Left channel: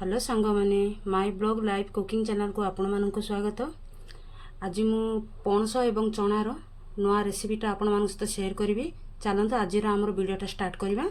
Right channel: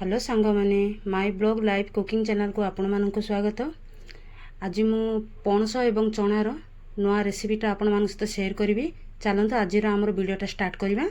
Hello सांग मैंने my blog live cooking channel को आपण मानक स्वागत। आज मु पणस एवं चणार नुआ रेसिपीटा आपण मान सहित शेयर करी। चलते आज आमर वीडियोटा स्टार्ट करवा।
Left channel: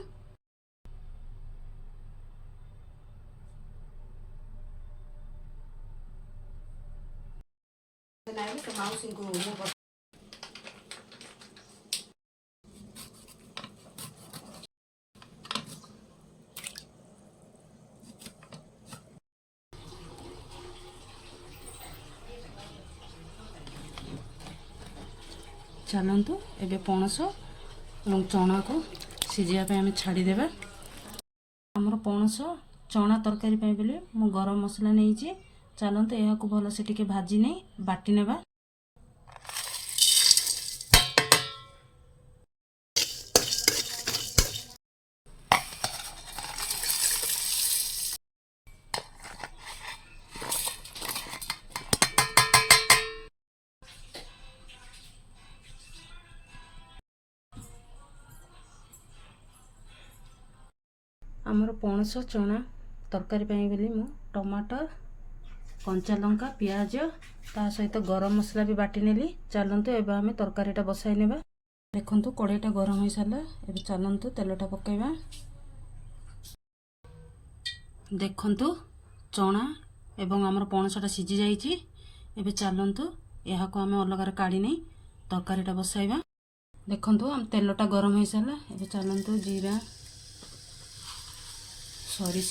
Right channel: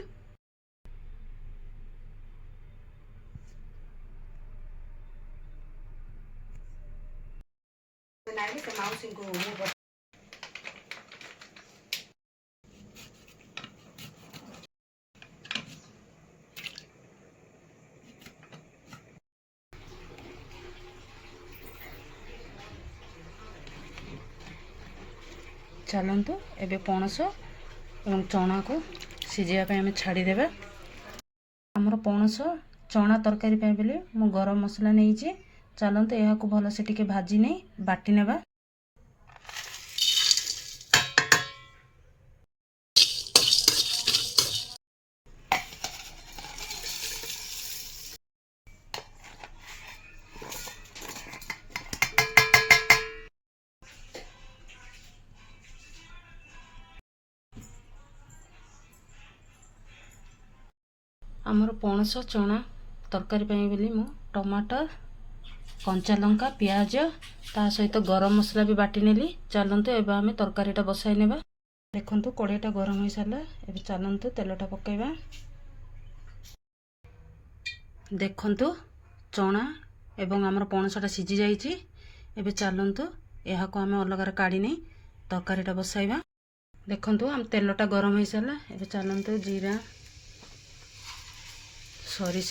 चलतु एबे पणस एवं चना को सिझापे आम छाड़देवा। आमर पणस चना तरकारी बोली मु गरम मसला नहीं। चलतु यह भल से टिके भाजी नहीं बाटी नेबा। आमर पणस चना तरकारी बोली मु टमाटर कंचा लंका पियाज ता सहित गरम मसला भी बाटी नेली। चलतु एबे आमे तरकारीटा बसाई नेबा। देखंतु कढ़ाईटा गरम हो सारा। एबे चलतु तेलटा पकाइबा। देखंतु चना एवं आमर पणसटा सिझी जाइछि। एबे चलतु यह को आमे अलग काढ़ी नहीं तरकारीटा बसाइबा। देखंतु आम तेलटा गरम हो सारा। एबे चलतु जीरा सरिष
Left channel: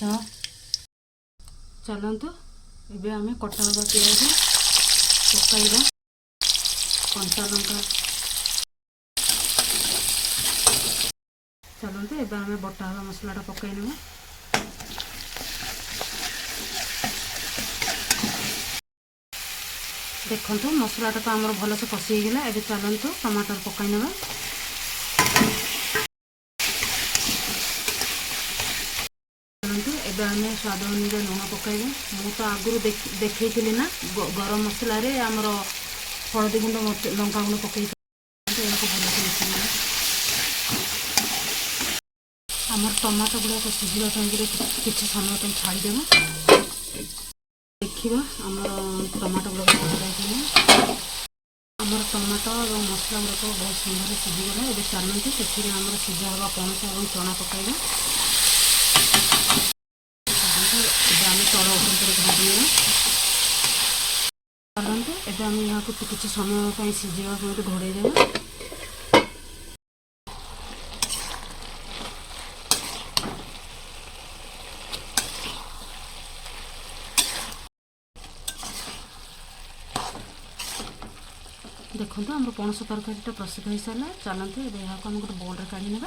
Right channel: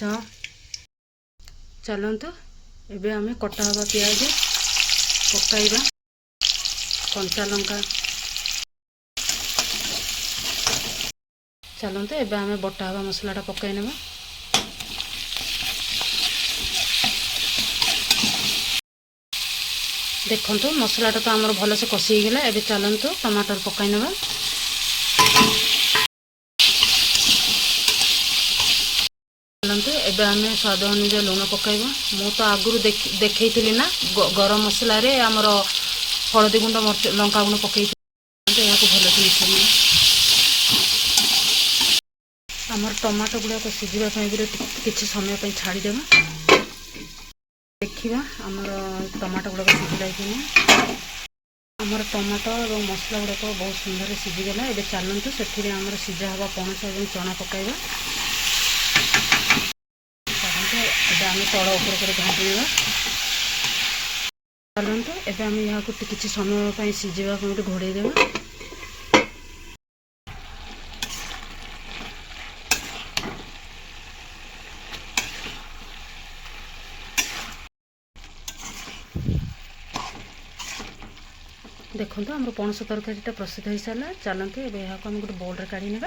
चलतु एबे आमे कटा हवा पियाज पकाइबा। कंचा लंका चलतु एबे आमे बटा हवा मसलाटा पकाइ नेबा। देखंतु मसलाटा तो आमर भल से कषि गला। एबे चलतु टमाटर पकाइ नेबा। एबे आमे स्वाद अनुसार लुण पकाइबा। मु तो आगुरु देखैथिली ना गरम मसला रे आमर हळदी गुंड लंका गुंड पकैथिली। याको भल से मिसैबा। आमर टमाटो गुडा को सिझिबा पई किछि समय पई छाडी देबा। देखिबा आमर टमाटो गुडा को सिझिला कि आमर टमाटो और मसला गुडा को बहुत सुंदर सिझी गला। एबे चलंतु सेथिरे आमर सिझा हवा पणस और चना पकाइबा। आम तल उपर घाटी चलतु एबे आम यहाँ किसी समय सिझा घोड़े देवा। देखो आम पणस तरकारीटा प्रस्तुत हो सारा। चलतु एबे यहाँ गोटे बोल काढ़ी नेबा।